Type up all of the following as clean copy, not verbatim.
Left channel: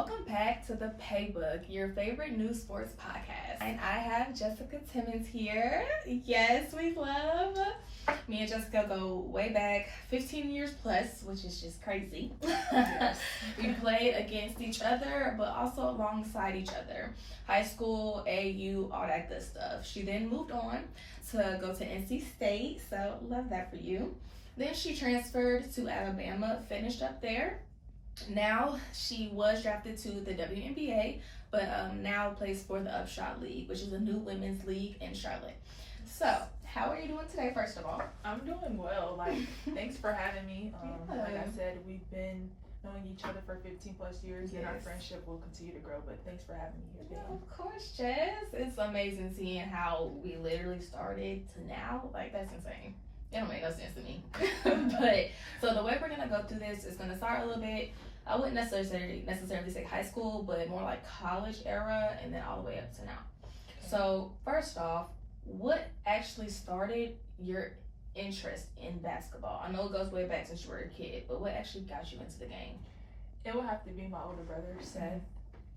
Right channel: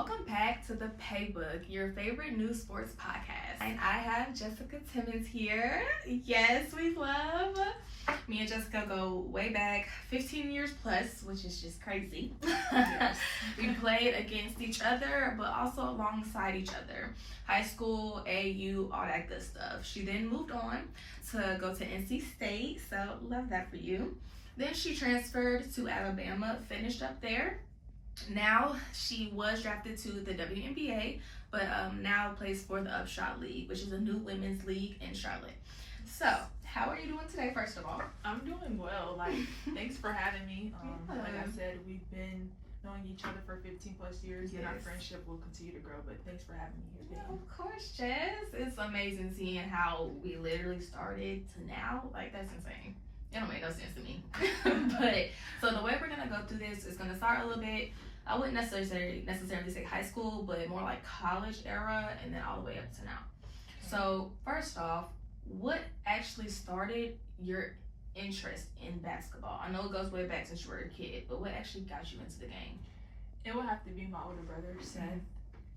Welcome back to the PAYbook, your favorite news sports podcast. And I have Jessica Timmons here. Yes, we love. Me and Jessica go way back, 15 years plus, which is just crazy. Yes. We played against each other, but also alongside each other. High school, AU, all that good stuff. She then moved on to go to NC State, so love that for you. Then she transferred to Alabama, finished up there. Now she was drafted to the WNBA, but now plays for the Upshot League, which is a new women's league in Charlotte. So, how are you doing today, first of all? I'm doing well. Thanks for having me. Like I said, we've been knowing each other for 15 plus years, and our friendship will continue to grow. But thanks for having me here today. Yeah, of course, Jess. It's amazing seeing how we literally started to now. That's insane. It don't make no sense to me. But so the way we're gonna go through this is gonna start a little bit. I wouldn't necessarily say high school, but more like college era, and then all the way up to now. Okay. So first off, what actually started your interest in basketball? I know it goes way back since you were a kid, but what actually got you into the game? It would have to be my older brother, Seth.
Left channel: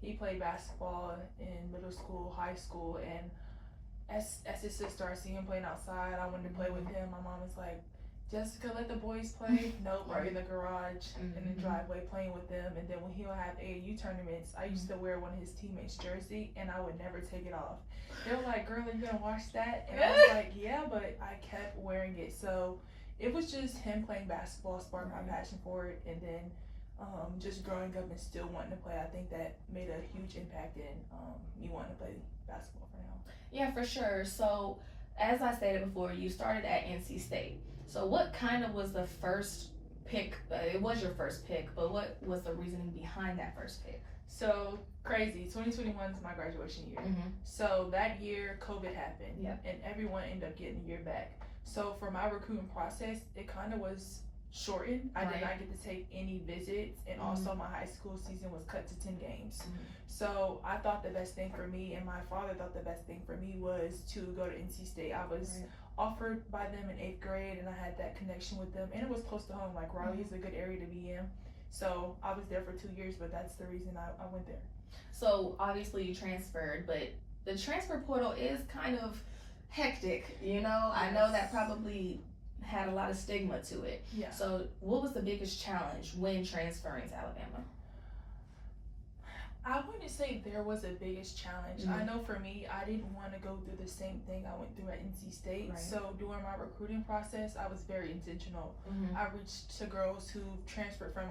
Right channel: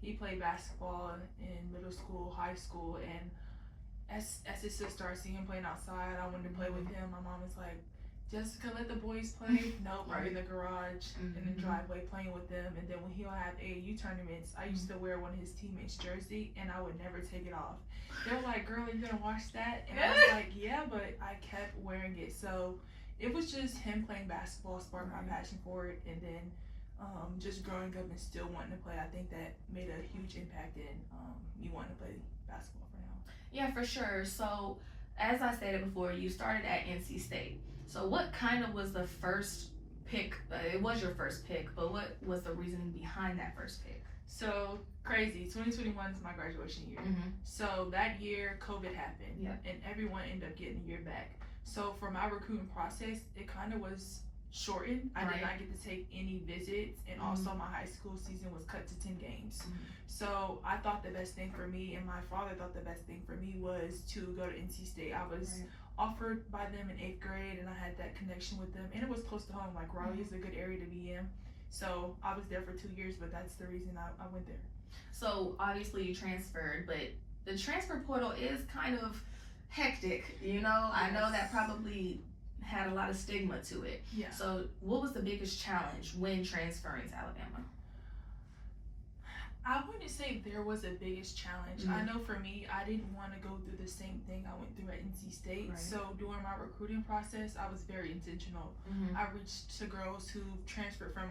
He played basketball in middle school, high school, and as his sister, I see him playing outside. I wanted to play with him. My mom was like, Jessica, let the boys play. Nope, I'm in the garage, in the driveway playing with them. And then when he would have AAU tournaments, I used to wear one of his teammates' jersey, and I would never take it off. They were like, girl, are you gonna watch that? And I was like, yeah, but I kept wearing it. So it was just him playing basketball sparked my passion for it. And then just growing up and still wanting to play, I think that made a huge impact in me wanting to play basketball for now. Yeah, for sure. So as I stated before, you started at NC State. So what kind of was the first pick? It was your first pick, but what was the reasoning behind that first pick? So crazy, 2021 is my graduation year. So that year, COVID happened, and everyone ended up getting a year back. So for my recruiting process, it kind of was shortened. I did not get to take any visits, and also my high school season was cut to 10 games. So I thought the best thing for me, and my father thought the best thing for me, was to go to NC State. I was offered by them in 8th grade, and I had that connection with them, and it was close to home. Raleigh is a good area to be in. So I was there for 2 years, but that's the reason I went there. So obviously you transferred, but the transfer portal is kind of hectic, you know? I know that probably had a lot of stigma to it. Yeah. So what was the biggest challenge when transferring to Alabama? I wouldn't say there was the biggest challenge. I know for me, I didn't want to go through the same thing I went through at NC State. So during my recruiting process, I was very intentional. I reached to girls who transferred from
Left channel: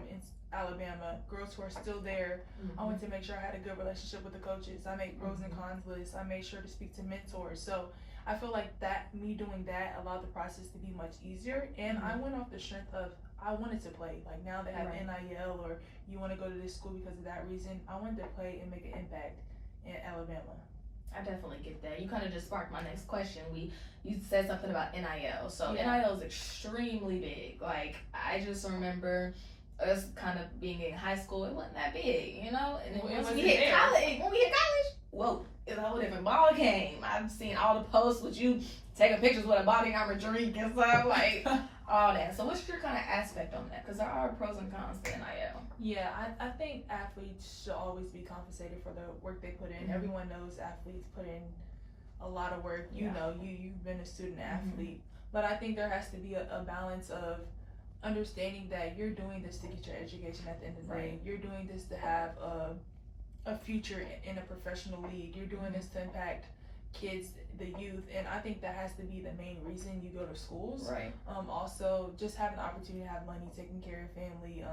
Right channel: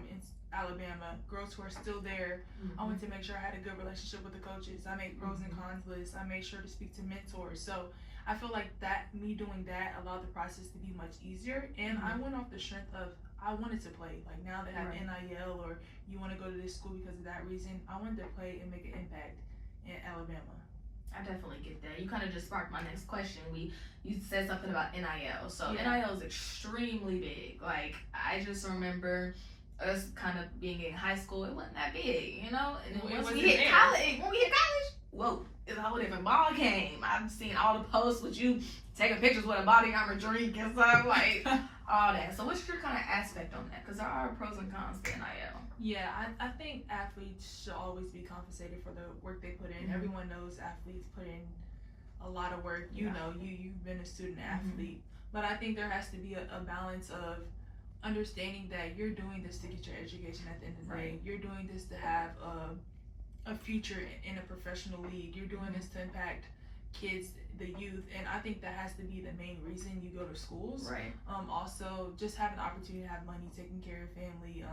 Alabama, girls who are still there. I wanted to make sure I had a good relationship with the coaches. I made pros and cons lists. I made sure to speak to mentors. So I feel like me doing that allowed the process to be much easier. And I went off the strength of, I wanted to play. Now they have NIL, or you want to go to this school because of that reason. I wanted to play and make an impact in Alabama. I definitely get that. You kind of just sparked my next question. You said something about NIL. So NIL is extremely big. I just remember us kind of being in high school, it wasn't that big, you know? And then when we hit college, whoa, it's a whole different ball game. I've seen all the posts with you taking pictures with a body armor drink and stuff, all that. So what's your kind of aspect on that? Because there are pros and cons to NIL. Yeah, I think athletes should always be compensated for the work they put in. Everyone knows athletes put in a lot of work. You know, you've been a student athlete. But I think there has to be a balance of understanding that you're doing this to get your education at the end of the day. You're doing this to have a future in a professional league. You're doing this to impact kids, the youth, and I think that has to be the main reason you go to schools. Also, just having the opportunity to have money, taking care of your family,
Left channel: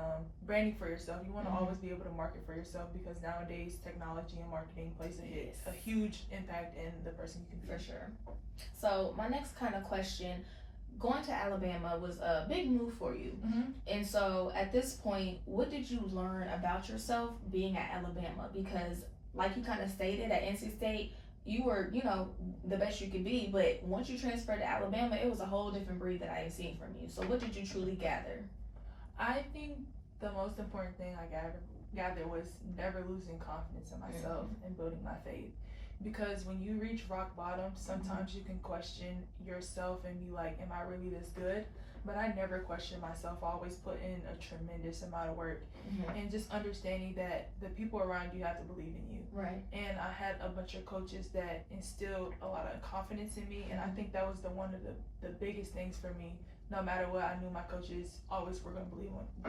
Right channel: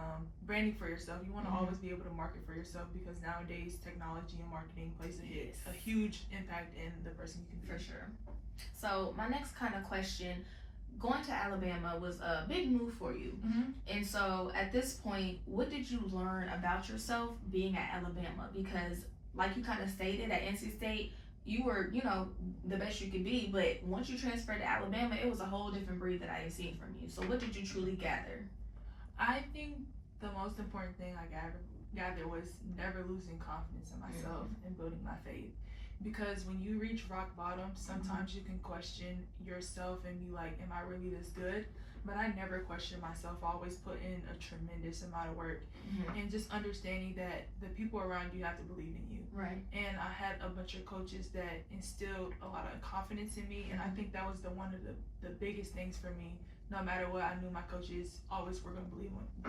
branding for yourself. You want to always be able to market for yourself, because nowadays technology and marketing plays a huge impact in the person you can be. For sure. So my next kind of question, going to Alabama was a big move for you. And so at this point, what did you learn about yourself being at Alabama? Because like you kind of stated, at NC State, you were, the best you could be, but once you transferred to Alabama, it was a whole different breed that I had seen from you. So what did you truly gather? I think the most important thing I gathered was never losing confidence in myself and building my faith. Because when you reach rock bottom, sometimes you can question yourself and be like, am I really this good? but I never questioned myself. I always put in a tremendous amount of work, and just understanding that the people around you have to believe in you. Right. And I had a bunch of coaches that instilled a lot of confidence in me, and I think that was one of the biggest things for me. No matter what, I knew my coaches always were going to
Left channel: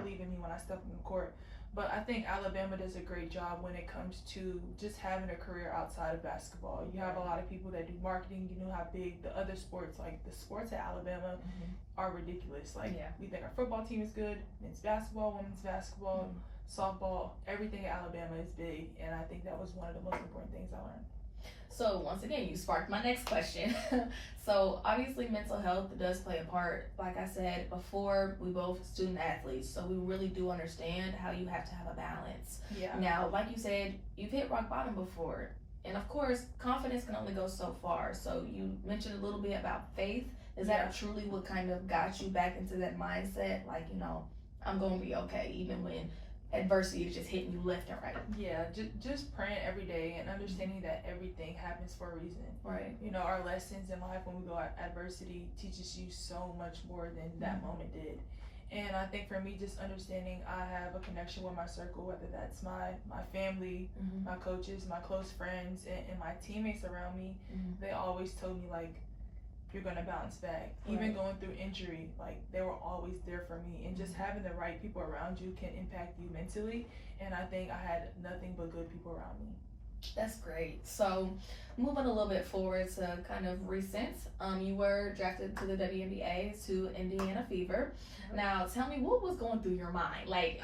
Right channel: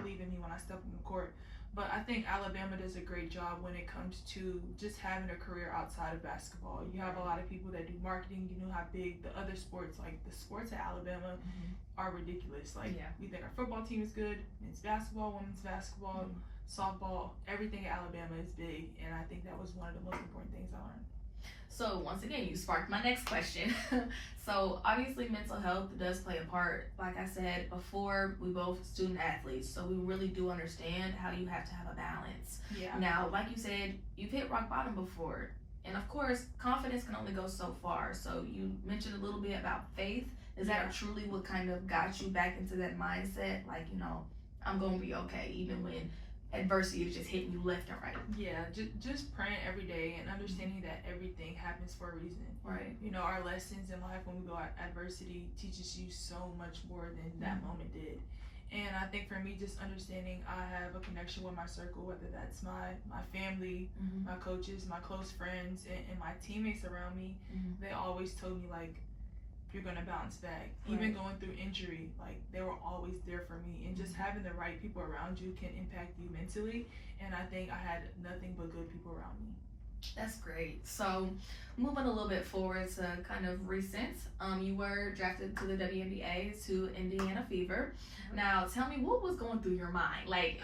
believe in me when I stepped on the court. But I think Alabama does a great job when it comes to just having a career outside of basketball. You have a lot of people that do marketing. You know how big the other sports, like the sports at Alabama, are ridiculous. Like, we think our football team is good, men's basketball, women's basketball, softball, everything at Alabama is big. And I think that was one of the most important things I learned. So once again, you sparked my next question. So obviously mental health does play a part. Like I said before, we both student athletes, so we really do understand how you have to have a balance. Yeah. Now, like you said, you've hit rock bottom before. And of course, confidence can only go so far. So you mentioned a little bit about faith. Is that truly what kind of got you back into that mindset? Like, you know, I'm going to be okay, even when adversity is just hitting you left and right. Yeah, just praying every day and understanding that everything happens for a reason. Right. You know, our lessons in life when we go at adversity teaches you so much more than that moment did. And I think for me, just understanding I have a connection with my circle, whether that's my family, my coaches, my close friends, and my teammates around me, they always told me, like, you're gonna bounce back. Even going through injury, like, they were always there for me. And just having the right people around you can impact you mentally. And I think I had nothing but good people around me. That's great. So moving a little bit forward to kind of recent, you were drafted to the WNBA to Indiana Fever. Now tell me, what was going through your mind? Like,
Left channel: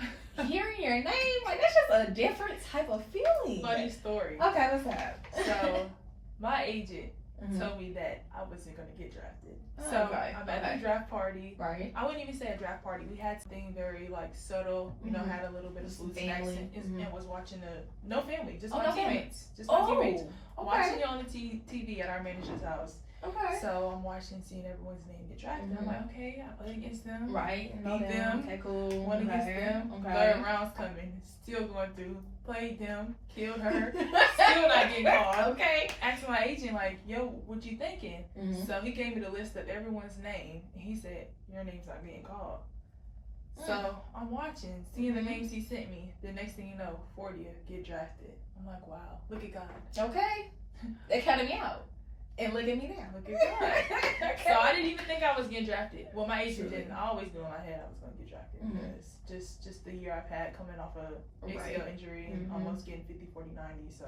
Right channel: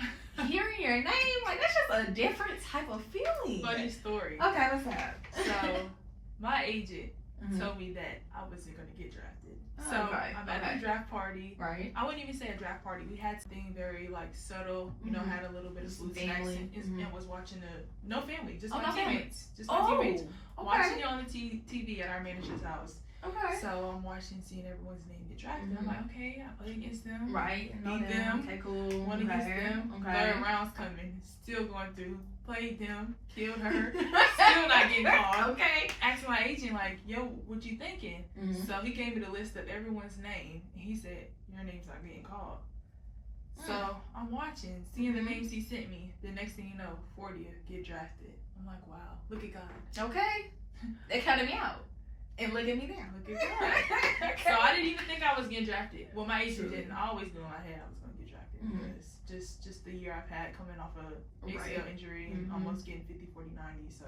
hearing your name, like, that's just a different type of feeling. Funny story. Okay, what's that? So my agent told me that I wasn't going to get drafted. I'm at the draft party. Right. I wouldn't even say a draft party. We had something very, like, subtle, you know, had a little bit of food snacks, and was watching no family, just my teammates. Just my teammates. Watching it on the TV at our manager's house. Okay. So I'm watching, seeing everyone's name get drafted. I'm like, okay, I play against them. Right. Beat them. Okay, cool. Won against them. Third round's coming. Still going through. Played them. Killed her. Still not getting called. Okay. Asked my agent, like, yo, what you thinking? So he gave me the list of everyone's name. And he said, your name's not getting called. So I'm watching, seeing the names he sent me. The next thing you know, 40th, get drafted. I'm like, wow, look at God. Okay. They cut me out. And look at me now. Look at God. So I didn't even think I was getting drafted. Well, my agent didn't. I always knew in my head I was going to get drafted. Because just the year I've had coming off a ACL injury and almost getting 50, 40, 90. So.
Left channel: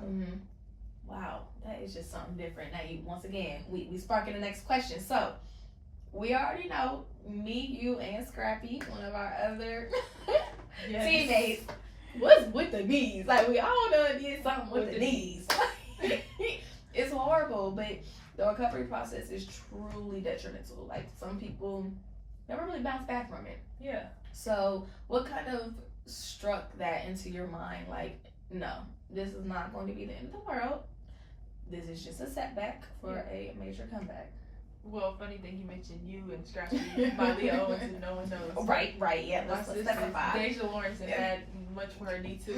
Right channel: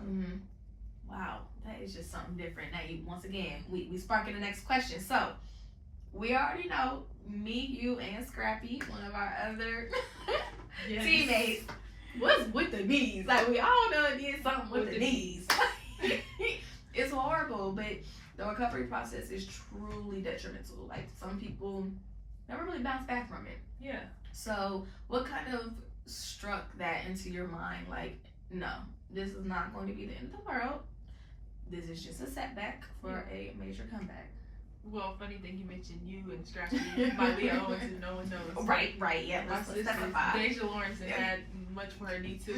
Wow, that is just something different. Now, once again, we sparking the next question. So, we already know me, you, and Scrappy, one of our other teammates, was with the knees. Like, we all know it did something with the knees. It's horrible, but the recovery process is truly detrimental. Like, some people never really bounce back from it. Yeah. So, what kind of struck that into your mind? Like, no, this is not going to be the end of the world. This is just a setback for a major comeback. Well, funny thing, you mentioned you and Scrappy, my Leo Owens, and no one knows. Right, yeah. My sister, Deja Lawrence, and had much for her need to,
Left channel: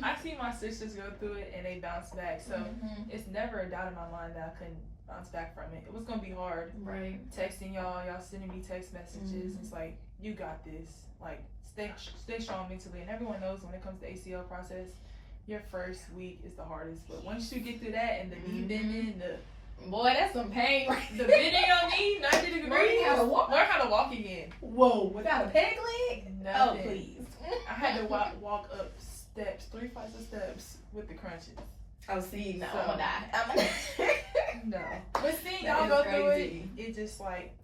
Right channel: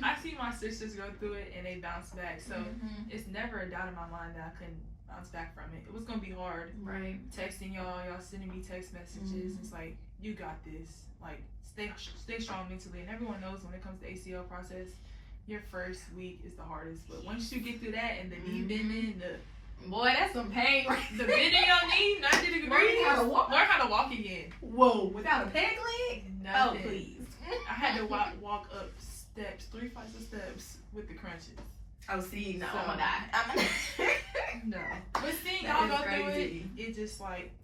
but I see my sisters go through it and they bounce back. So it's never a doubt in my mind that I couldn't bounce back from it. It was gonna be hard. Right. Texting y'all sending me text messages. It's like, you got this. Like, stay strong mentally. And everyone knows when it comes to ACL process, your first week is the hardest. But once you get through that and the knee bending, boy, that's some pain. The bending your knee, 90 degrees. Learn how to walk again. Whoa, without a peg leg? Nothing. Oh, please. I had to walk up steps, 3 flights of steps with the crunches. Oh, see, no, I'm gonna die. No. But seeing y'all go through it, it's just like,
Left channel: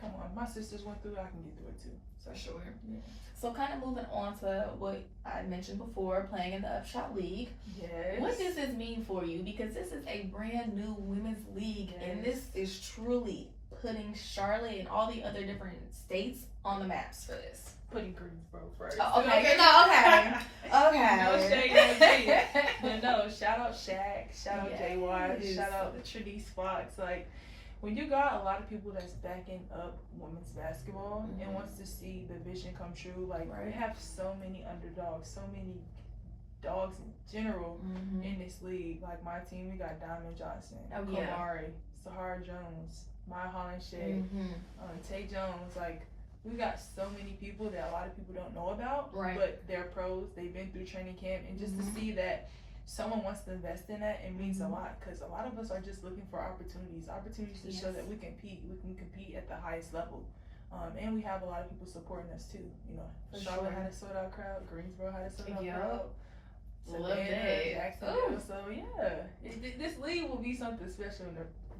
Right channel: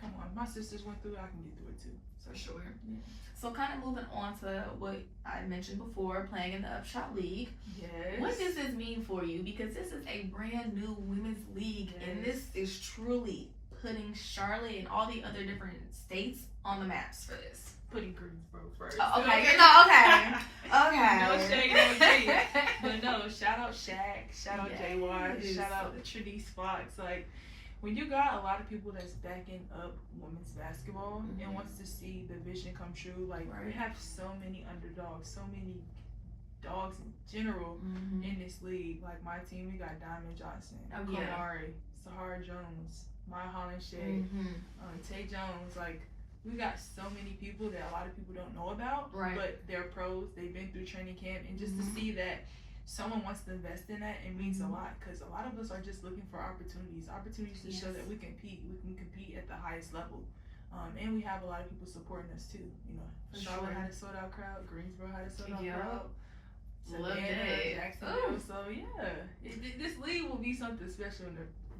come on, my sisters went through it, I can get through it too. For sure. Yeah. So kind of moving on to what I mentioned before, playing in the Upshot League. Yes. What does this mean for you? Because this is a brand new women's league, and this is truly putting Charlotte and all the other different states on the maps for this. Putting Greensboro first. Oh, okay. No, okay. No shade, no shade. But no, shout out Shaq, shout out JY, shout out Trinice Fox. Like, when you got a lot of people that's backing up women's basketball and wants to see the vision come true, like, we have so many underdogs, so many dogs in general in this league. Like, my team, we got Diamond Johnson, Kamari, Sahara Jones, Maya Holland-Shea, Tay Jones. Like, we got so many people that a lot of people don't know about, Right. but they're pros. They've been through training camp, and just to see that someone wants to invest in that, it means a lot, because a lot of us are just looking for opportunities to show that we can compete at the highest level. And we have a lot of people supporting us too. You know, Charlotte had a sold out crowd, Greensboro had a sold out crowd. Love that. Jacksonville. So this league will be something special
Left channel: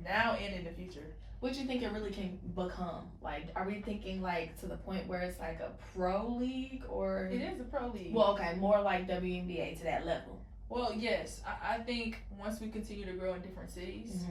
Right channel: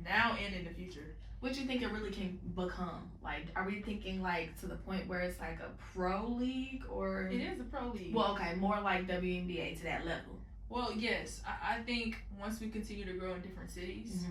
now and in the future. What you think it really can become? Like, are we thinking like to the point where it's like a pro league, or It is a pro league. well, okay, more like WNBA to that level? Well, yes, I think once we continue to grow in different cities,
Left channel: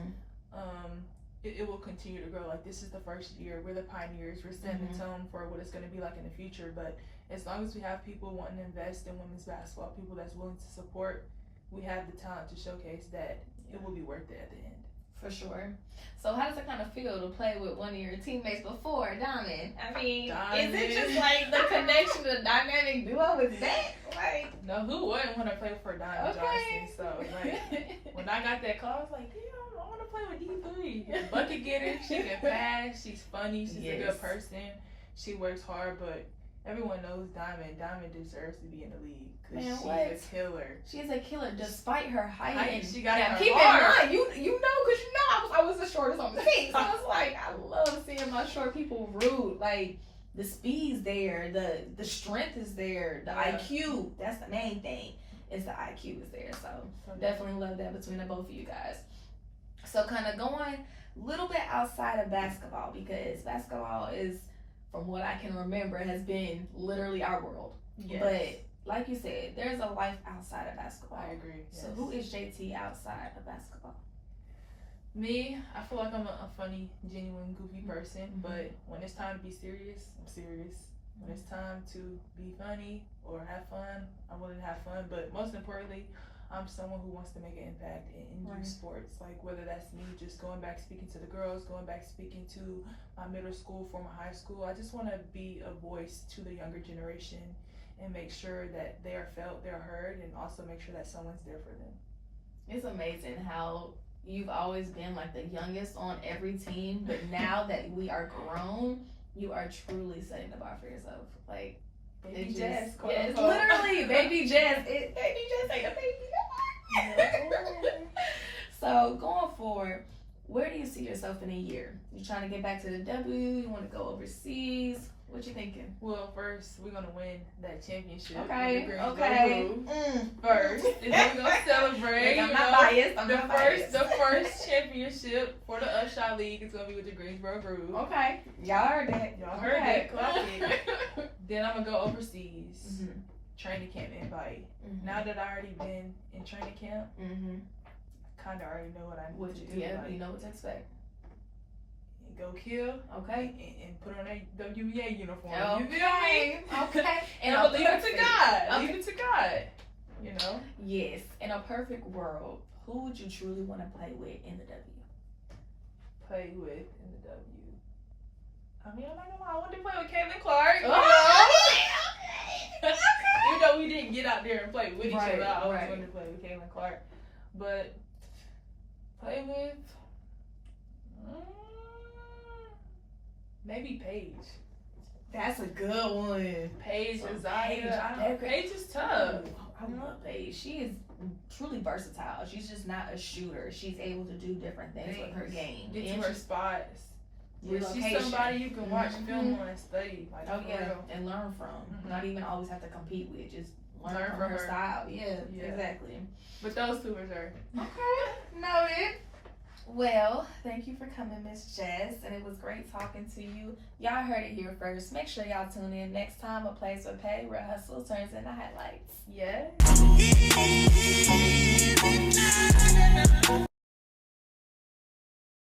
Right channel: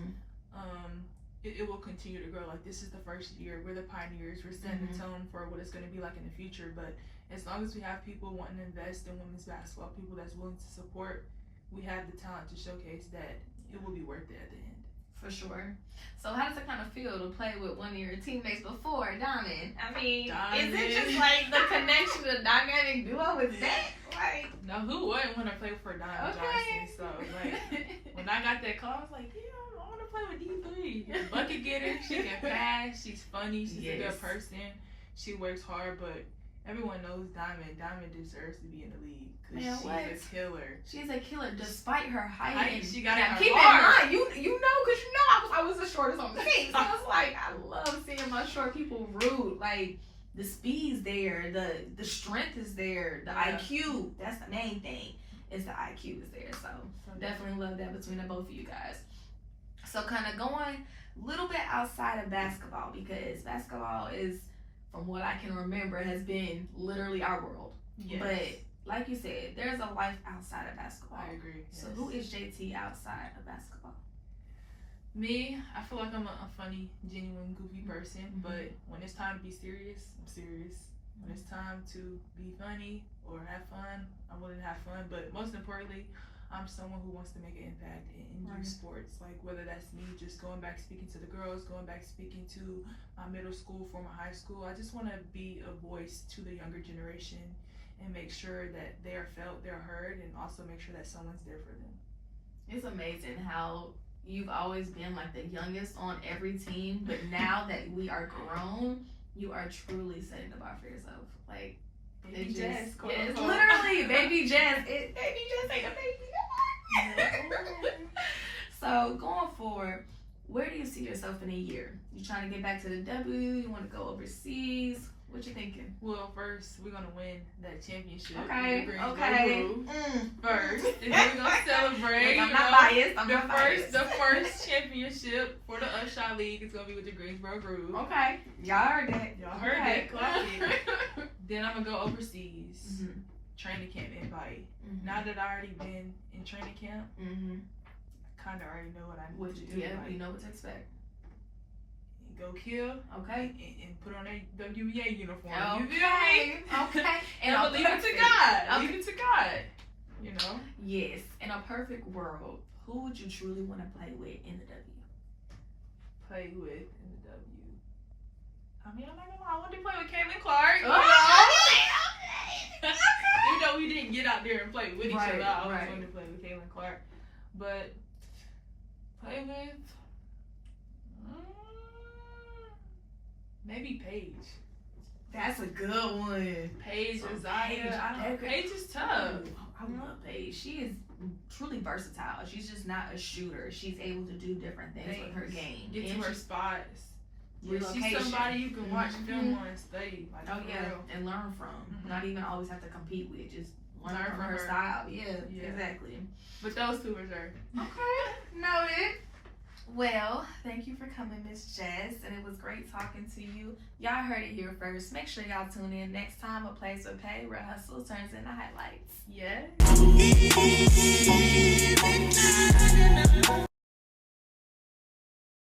it will continue to grow. Like, this is the first year, we're the pioneers, we're setting the tone for what it's going to be like in the future. But as long as we have people wanting to invest in women's basketball, people that's willing to support, we have the talent to showcase that it will be worth it at the end. For sure. So how does it kind of feel to play with one of your teammates before, Diamond? I mean, is it just like the connection, the dynamic duo is that? Like, no, who wouldn't want to play for Diamond Johnson? So, like, when I got that call, I was like, yeah, I want to play with D3. Bucket getter, she can pass, she's funny, she's a good person, she works hard, but everyone knows Diamond. Diamond deserves to be in the league because she's a killer. She's a killer despite her height. She got it. Keep in mind, you know, because you know I was the shortest on the team. So it's like I love seeing my short people rude. Like, the speed's there, the strength is there, the IQ. That's the main thing. Is the IQ is there. So definitely love that between the both of you guys. So kind of going a little bit outside of basketball, because basketball is, from what I can remember, has been literally our world. Yes. But like you said, there's a life outside of basketball. I agree. So who is JT outside of basketball? Me, I feel like I'm a funny, genuine, goofy person. But when it's time to be serious, I'm serious. When it's time to be funny or have fun, I'm willing to have fun. But most importantly, I'm someone who wants to make an impact in youth sports. Like, whether that's me just going back speaking to the girls, going back speaking to my middle school, former high school. I just want to be a voice to the younger generation and make sure that they're felt, they're heard, and also make sure that someone's there for them. It's amazing how you've always been like the youngest on every team, but now that we are grown, you are truly setting the bar for yourself. Like, Baby Jess, yes, literally, Baby Jess. Baby Jess ain't a baby. So going forward, where do you see yourself in a year? You trying to get back to the W? You want to go overseas? What you thinking? Well, first we're gonna win that championship. Okay. First, and then we're gonna celebrate. I'm not biased. The first championship for the Upshot League is gonna be with the Greensboro Groove. Okay, y'all heard that. Y'all heard that. Clock it. Then I'm gonna go overseas. Training camp invite. Now that I already been in training camp, I kind of already know what I need to do. Yeah, you know what to expect. Go kill, okay, and put on a WNBA uniform. Okay, okay, and I'll leave it to God. Leave it to God. You know. Yes. In a perfect world, who would you truly want to play with in the W? Play with in the W. I mean, I'm not gonna lie. I want to play with Caitlin Clark. Even though we didn't get out there and play with each other, I always wanted to play with Caitlin Clark. But play with. Maybe Paige. That's a good one. Paige or Zaya. Paige is tough. I love Paige. She is truly versatile. She's just not a shooter. She's able to do different things with her game. Get to her spots. She's somebody you can watch film on and study. Like, and learn from. Not even always have to compete with. Just learn from her style. Yeah, exactly. But those two are there. Okay, noted. Well, thank you for coming, Miss Jess, and it was great talking to you. Y'all heard it here first. Make sure y'all tune in next time. A Place or Pay, where hustle turns into highlights. Yes.